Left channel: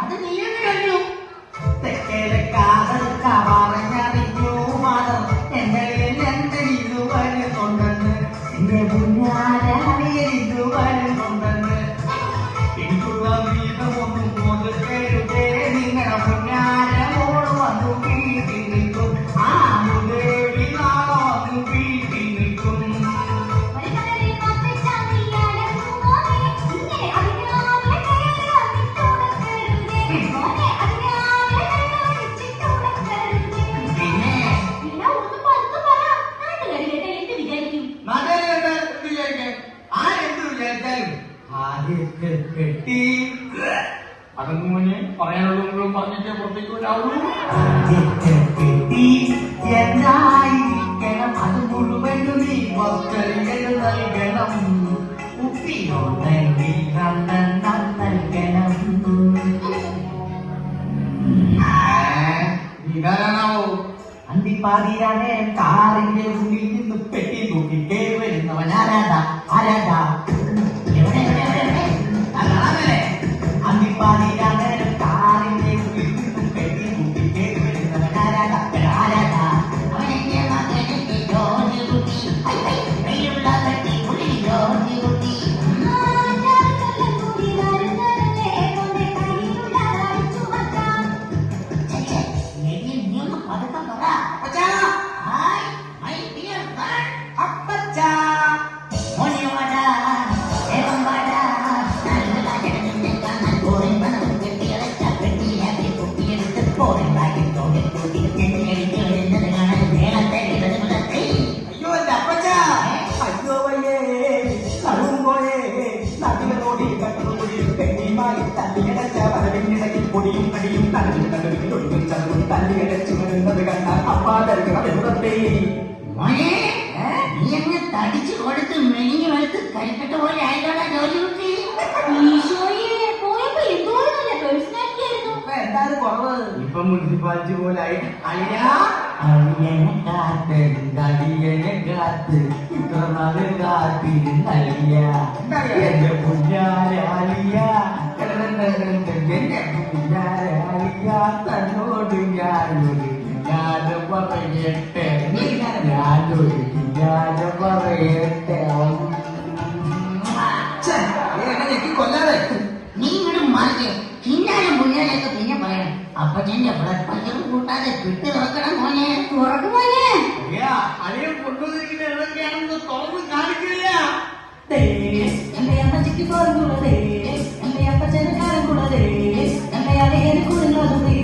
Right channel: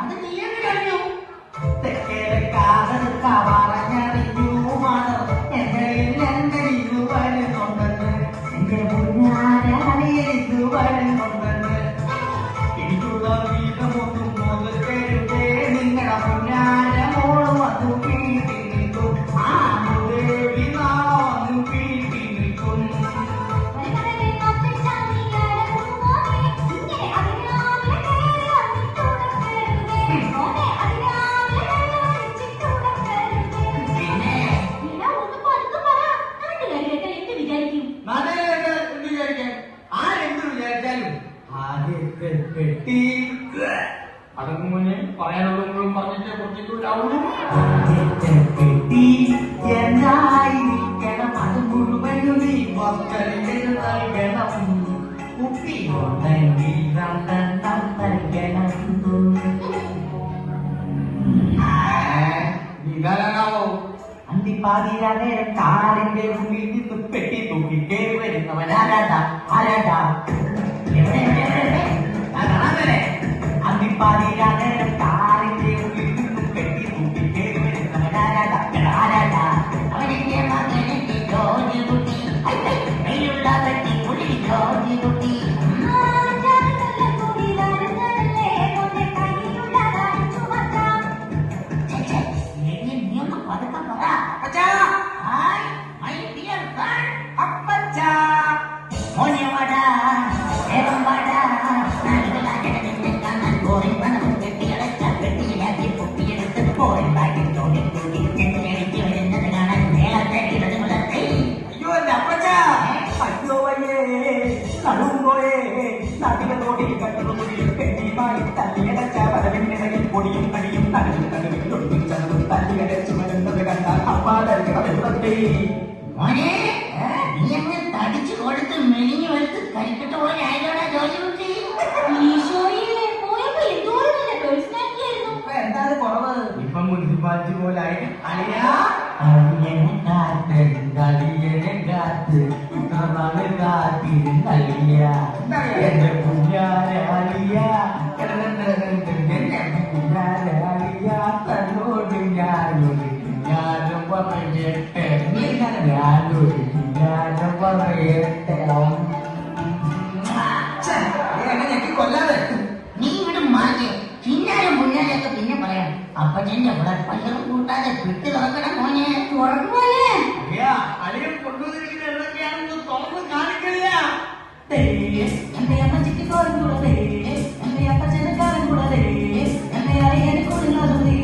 അത് നീയൊക്കെ കഴിഞ്ഞു. പടങ്ങൂന് പറയാനുള്ളവരും പറഞ്ഞിട്ട് പൊട്ടിക്കൂടാവുള്ളൂ. എന്നായിരിക്കണം അത് മുഴുവനും നീ നൽകണം. ഉപ്പിനോടെങ്കിൽ രണ്ടെണ്ണം നൽകണം. അന്തിപ്പാതിയാതെ കാലിന്റെ ഉള്ളിൽ നിന്ന് പെട്ടി തൂക്കിട്ടേ വരുന്നവനാരാ ആരാ തടിച്ചു കൊടുത്ത് മെലിഞ്ഞു വെച്ച് കരിക്കട്ടുള്ള ജോലി കുട്ടി ഇപ്പൊ മുനിസിപ്പാലിറ്റി പോലെ ആയി. അളിയനെ കാത്ത് കാത്തിരുന്നളിയ എന്റെ കുഞ്ഞാരെ അളിയ കുഞ്ഞാരെ അളിയ തന്നോട് ഞാനൊരു കുഞ്ഞാരെ പറയട്ടെ ഞാനൊരു കുഞ്ഞാരെ പറയട്ടെ. കൊല്ലാതെ നീ ഇവിടെ മാറി ചിന്നാലും മുന്നാലൊക്കെ പിന്നെ പറയണം. അപ്പൊ നിന്റെ പച്ചപ്പ് കൂട്ടാതെ കിട്ടി തുറക്കണം മോനെ. തുറക്കുമോനെ അളിയെ കൊണ്ടുവന്നിരിക്കുന്നതൊക്കെയാണെന്ന് തുറന്ന് കാണിക്കില്ല. എന്റെ അമ്മച്ചിക്ക് കൊണ്ടുള്ളതേ എന്റെ അപ്പച്ചന് കാലം എന്റെ അളിയനെ കൊണ്ടുള്ളതേ.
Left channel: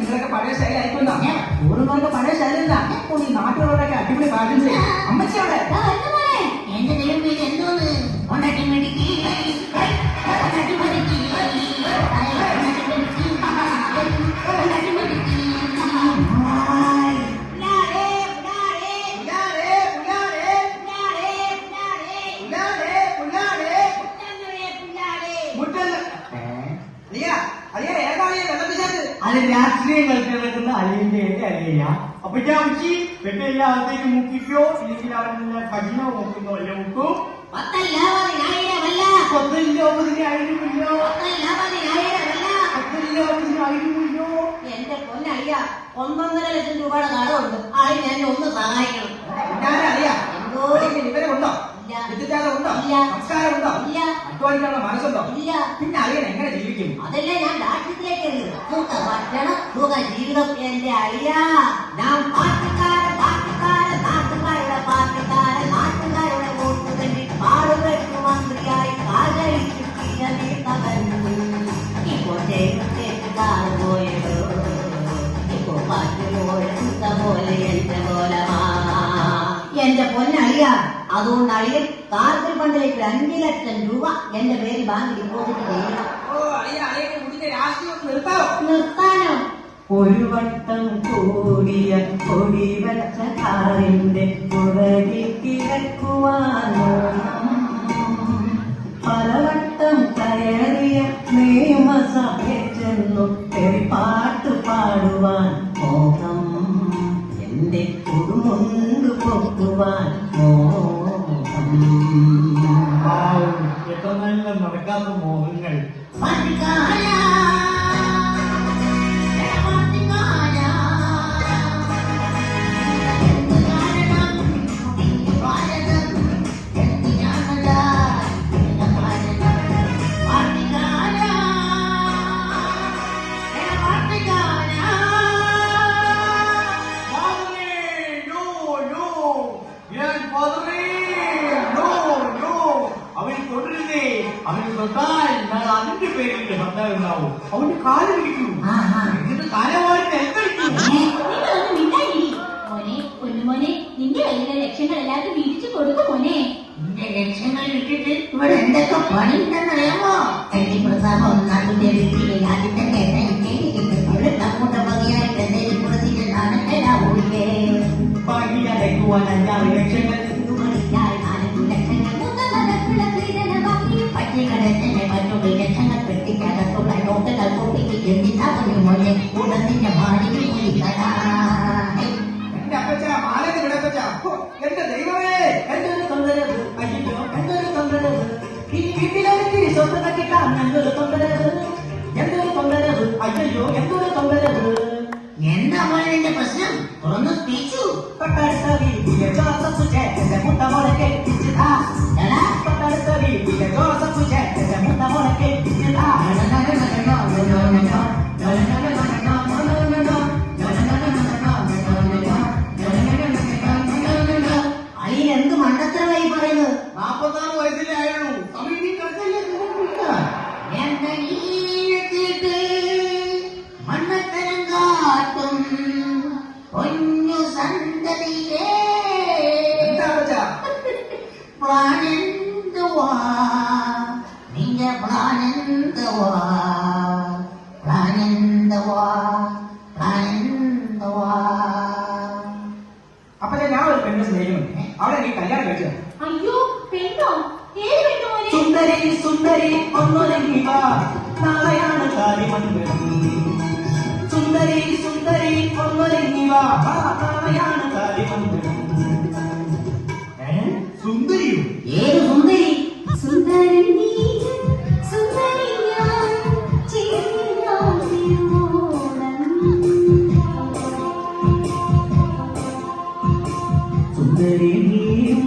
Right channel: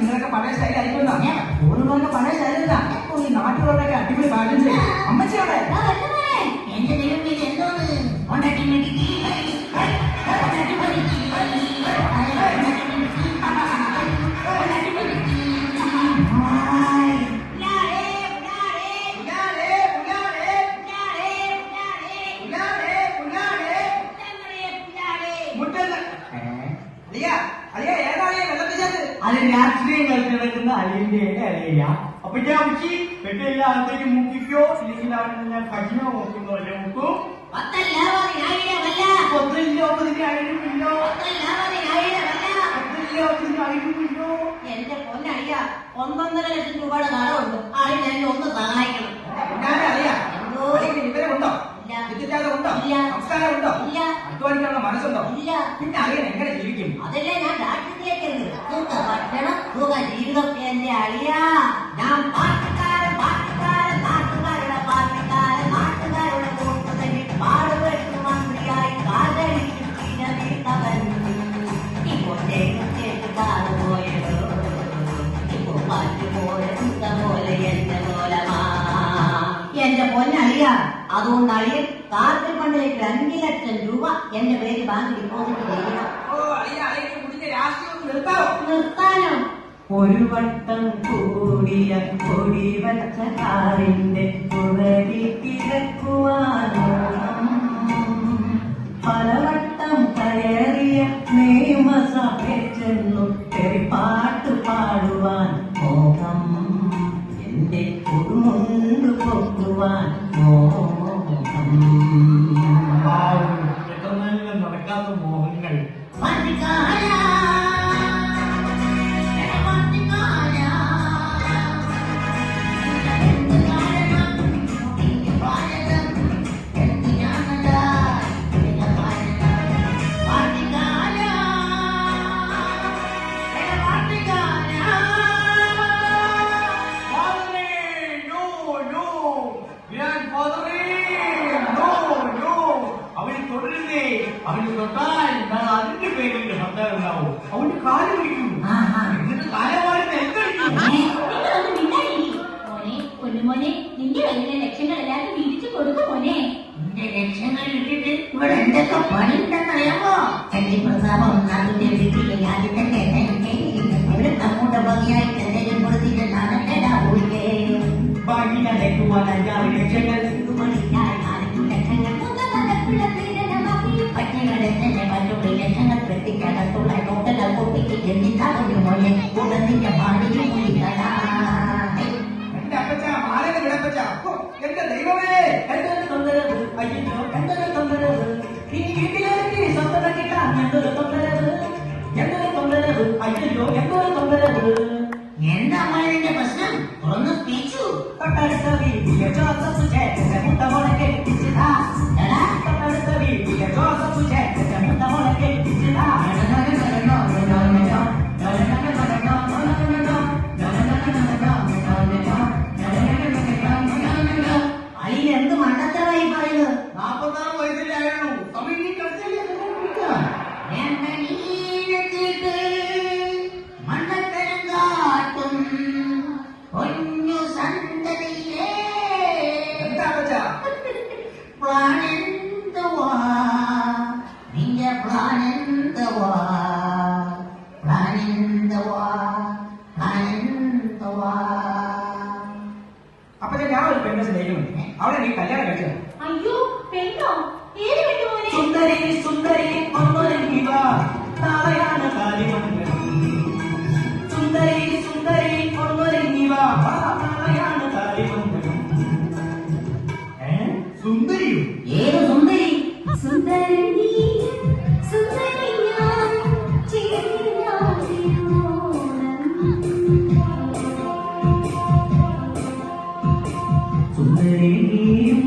നിങ്ങളൊക്കെ പഴയ സ്റ്റൈലായിട്ടുണ്ടോ? പഴയ ശൈലില്ല. ഈ നാട്ടുകാരൊക്കെ അടിപൊളി കാര്യം ചെയ്യും. അമ്മച്ചിയാണ് എന്റെ ദൈവം എന്തോന്ന് അത് രാഷ്ട്രീയം കളിക്കുന്ന അലിന്റെ അറിയില്ല. അപ്പൊ ഞാൻ വെച്ച് കെട്ടില്ലാത്തേക്ക് മുക്കിക്കോ ഇല്ലെങ്കിൽ ഞാൻ ഭക്ഷണോ നോക്കുന്നോ അല്ലേ നോക്കൂ. 10,50,000 എന്റെ പൊന്നയ്യ 1.5 ലക്ഷം രൂപയുടെ കടമുണ്ട്. അതിന് എന്നെ ഒന്ന് സഹായിക്കണം. മനസ്സുണ്ടോ? പിന്നെ അറിയാൻ എങ്ങനെ ജീവിക്കും? അതല്ലേ ഞാൻ രാഷ്ട്രീയത്തിലേക്ക് ഭക്ഷണം സുഖ ജീവിതമൊക്കെ എന്റെ അയ്യ. ഞാൻ പാർട്ടിക്കാരുടെ വോട്ട് തന്നെ പാടുകെട്ട് മന്ത്രിയായി ആചരിച്ചു തീരമേത്തവൻ. ഇപ്പോ കേൾക്കാതെ പോയത് ഇപ്പോ പോലെ എന്റെ കോലമാ. എന്റെ പൊന്നറിയ അതുകൊണ്ട് അളിയൻ പാർട്ടി ഫണ്ടിലേക്ക് 2 ലക്ഷം രൂപ എന്റെ പേര് ബാങ്ക് ഡിപ്പോസിറ്റ് ചെയ്യണം. നിർത്താനോ? ഒരു വട്ടം കൂടിയ കൊടി വച്ച കാറിന്റെ പുറകെ കിടക്കുവാനോ? പലവട്ടം കയറിയ നിയമസഭയിൽ ചെന്നു പാട്ട് പാടി പാല് കുടിക്കും. എന്നിട്ട് തലവാരി നെൽക്കടിക്കും. നിങ്ങളൊന്ന് മിണ്ടാതിരി. മോനെ, പൊന്നുമോനെ, നിന്റെ കയ്യിലെ ലക്ഷ്യങ്ങളെല്ലാം തിരിച്ചു കൊടുക്കും മോനെ. എന്റെ ലക്ഷ്യങ്ങൾ ഇട്ടിട്ട് ഇവിടെ എന്തൊക്കെ പണിയുണ്ടെന്നറിയാമോ? എന്റെ പ്രതാപം നാടിന്റെ വീട്ടിലെ ആദ്യത്തെ ഒരു കമ്മൂട്ടയായിട്ട് എന്തെങ്കിലും കൊടുത്തിട്ട് നാളെ ഓടിക്കേ ഭാഗ്യക്കുവാൻ അഞ്ചാറ് ലക്ഷങ്ങൾ മണിക്കായി നാലഞ്ച് ലക്ഷങ്ങൾ പട്ടികളെ തന്നെ മറ്റുള്ള ലക്ഷങ്ങൾ കെട്ടിക്കടക്കുക ഡോക്ടർ കുട്ടിക്ക് എന്തിനാ പറഞ്ഞു ഉടനെ ഭാര്യയും കുടിക്കടാ. എന്റെ അപ്പച്ച മാനവിന്റെ അപ്പച്ച. എന്റെ ദൈവമേ, എന്തൊരു തൊന്തരവ്. അയ്യോ, എന്തൊരു തൊന്തരവ്. ഈ വീട്ടിലേക്ക് സ്വന്തം കിട്ടാൻ എന്തൊരു തൊന്തരവ്. എന്തൊരു തൊന്തരവ്. അയ്യോ, എന്തൊരു തൊന്തരവ്. എന്താ മോനെ പ്രശ്നം? തുറന്ന് സ്പീച്ചു. പട്ടണ വീട്ടിലെ ജോസഫ് ചേട്ടന്റെ മുട്ടമോളെ കെട്ടിച്ചതാ. പട്ടണ വീട്ടിലെ ജോസഫ് ചേട്ടന്റെ മുട്ടമോളെ കെട്ടിച്ചതാ. അതിലെന്ത് മണ്ടത്തരമായി പറയുന്നത്? 44 വയസ്സിലേ ആയുള്ളൂ. സമീപിക്കല്ലേ എന്റെ നീരത്തിട്ട് മണ്ടത്തരം കാട്ടും പൊന്നു സന്തതിയേ പ്ലാനെന്തുവാ നിന്റെ പ്ലാനെന്തുവാ പ്ലാനെന്തുവാ പ്ലാനെന്തുവാ. അപ്പൊ ഞാൻ ഒരു പെണ്ണ് സ്നേഹിക്കുന്നു. അവളെ നീ കല്യാണം കഴിച്ചത്. അയ്യോ, പെണ്ണോ? ഏത് പെണ്ണു മോനെ? സുന്ദരി സുന്ദരി ഒന്നൊരുങ്ങിക നാളെയാണ് കാലിമംഗലം. സുന്ദരി സുന്ദരി ഒന്നൊരുങ്ങിക നാളെയാണ് കാലിമംഗലം. സുന്ദരി ഏത് സുന്ദരി? സുന്ദരി നീ, സുന്ദരി ഞാൻ, സുന്ദരി നീയും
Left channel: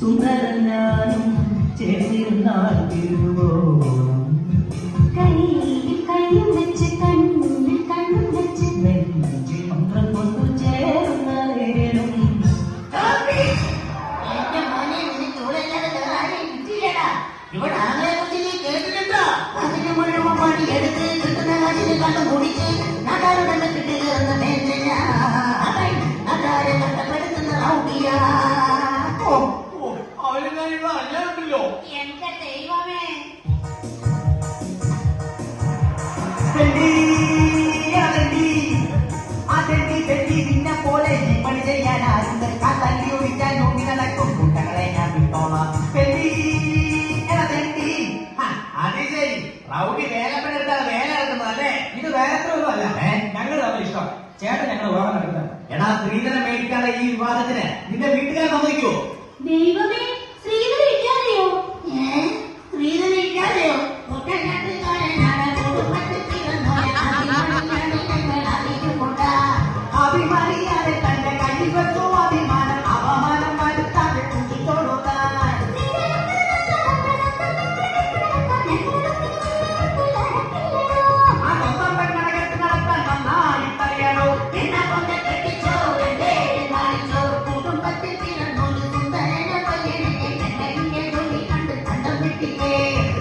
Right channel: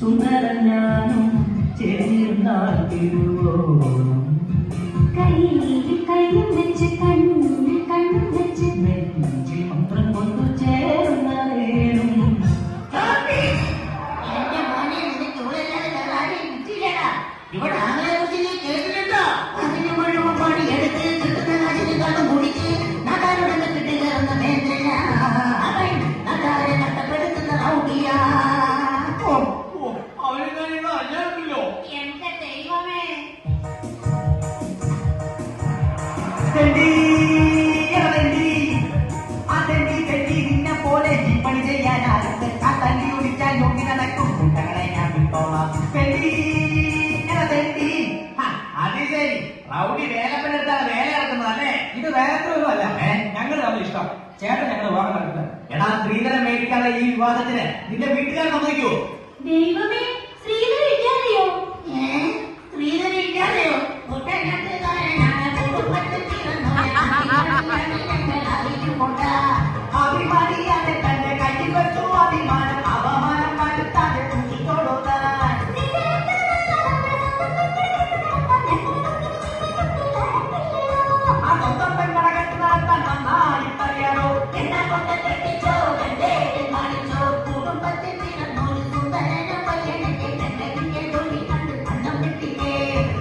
സുന്ദരം ഞാനും ചേർന്നാൽ തിരുവോണം. കയ്യും വെച്ച് കണ്ണും വെച്ച് എന്റെ മോനെ നിനക്ക് ഇവിടെ ആരെയും കിട്ടില്ലടാ. ഇവിടെ ആളെ കുറിച്ച് നീ കേട്ടിട്ടുണ്ടോ? അതിന് മുഴുവൻ പണി എടുത്ത് കിട്ടുന്ന കാശിനെ കണ്ട് കുടിച്ച് നാടാരോടെ കിട്ടുകയെന്ന് നേരിട്ടില്ല. നാടാരെ കഷ്ടപ്പെടുത്തുന്ന റൗഡിയാ. എന്റെ ദൈവമേ. ചേട്ടൻ ഞങ്ങൾ വിവാഹം നടത്തുന്നത്. എടാ സ്ത്രീധനം മേടിക്കാതെ ഈ വിവാദത്തിന് നിന്റെ വീട്ടുകാർ സമ്മതിക്കുവോ? ദൈവമേ, ശ്രീധരൻ ഇല്ലാതെയോ? സ്ത്രീധനില്ലാതെയോ? ഒറ്റനാട്ടുകാരനാണ് കുടുംബത്തിൽ അറിയിക്കൊണ്ട അഭിമാനിയാതെ തന്റെ കയ്യിൽ വെച്ചു അഭിമാനം അവമാനം വരുത്താതെ കുട്ടിച്ചോടുക്കാൻ. അതൊന്നും പെണ്ണടക്കത്തിൽ നടത്താൻ നന്നായിട്ടറിയാലോ. എന്നെ കൊണ്ട് കെട്ടിച്ചോ എന്റെ കാണിച്ചോ കുടുംബത്തിൽ ചിലന്നൊരു സുന്ദരന പയ്യനെ എന്റെ ജോലി കണ്ട് കണ്ടം കിട്ടിക്കേ.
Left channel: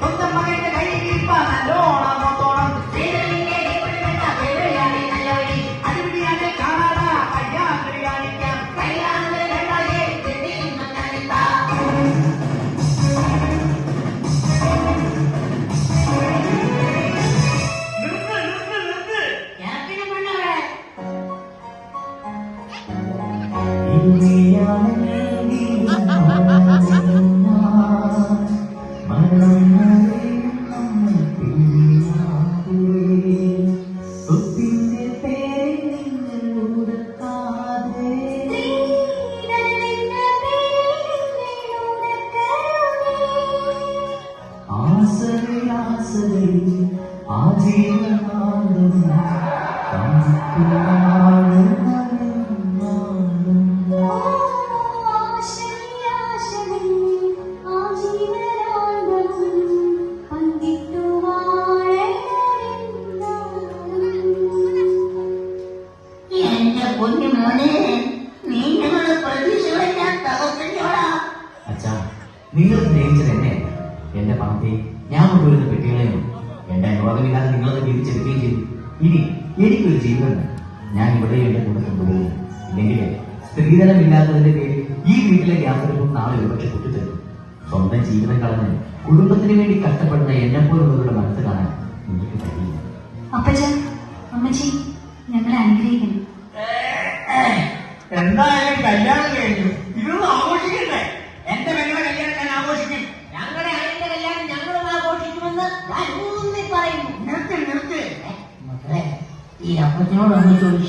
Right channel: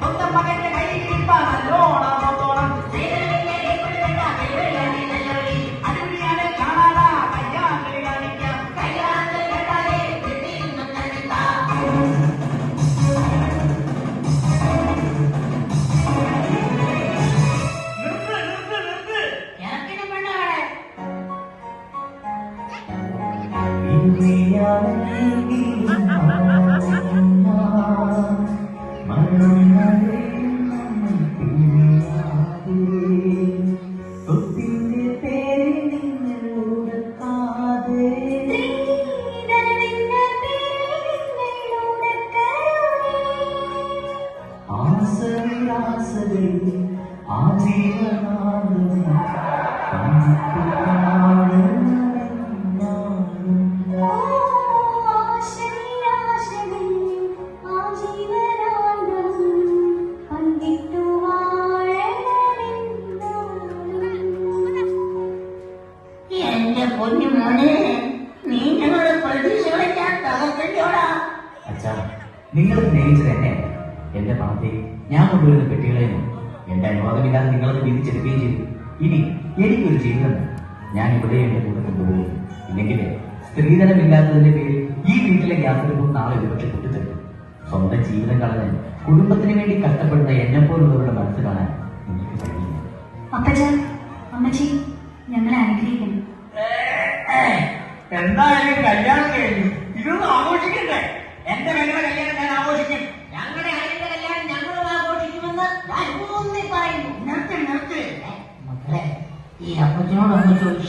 സ്വന്തം മകന്റെ കയ്യിൽ ഇരിപ്പാൻ നല്ലോണം നോക്കണം. സ്ത്രീധനിന്റെ എവിടെയാണ് നല്ല വഴി? അതിനെ കാണാതാ കയ്യാന്തരി കാണിക്കാം. കൈകാണ് രണ്ടായെ കെട്ടിയുന്നതാ. ഞാക്കിന് പെണ്ണാണ്. എന്റെ പൊന്നു മോനെ നിങ്ങളുടെ പ്രതീക്ഷകളെ ഞാൻ തകർക്കല്ലോടാ. അച്ഛാ, നിങ്ങൾ സ്നേഹിച്ചത് എന്നെ എന്റെ പണത്തെ ഞാൻ കൊണ്ടുവരുന്ന പെട്ടികളെയും എന്റെ അനുവാദമില്ലാതെ നിങ്ങളത് വിധിച്ചെടുക്കുകയും ചെയ്തു. ഇനി എനിക്കൊരു ജീവിതമുണ്ട്. ഞാൻ ഇവിടെ കുടുംബം കൂടുകയും ഇല്ലെങ്കിൽ സ്ത്രീധനമില്ലാത്തതിന്റെ പേരിൽ ഈ വീട്ടിലെ യാതൊരു നാളെ ഒരുപക്ഷെ പൊട്ടിച്ചേരും. സ്വന്തം ജീവിതം കളഞ്ഞ് കുടുംബത്തിന് വേണ്ടി കഷ്ടപ്പെടുന്ന എന്നെപ്പോലുള്ളവരുടെ മനസ്സ് കാണാൻ എനിക്ക് കഴിയില്ല. അപ്പച്ച അമ്മച്ചി ഞങ്ങളെ അനുഗ്രഹിക്കുന്നു. എന്തായാലും കല്യാണം കഴിഞ്ഞു, ഇതൊന്നും ആഘോഷിക്കണ്ടേ? എന്റെ മകളുടെ കല്യാണം ഞാൻ ആഘോഷിക്കും. ഞങ്ങളുടെ ആരുടെ കല്യാണം ഞങ്ങളും ആഘോഷിക്കുമെന്ന് ഞാൻ ഊന്നി പറയുന്നു. നിർത്തി. മക്കളെ, ഈ അപ്പച്ചനോട് ഒന്ന് ചോദിച്ചു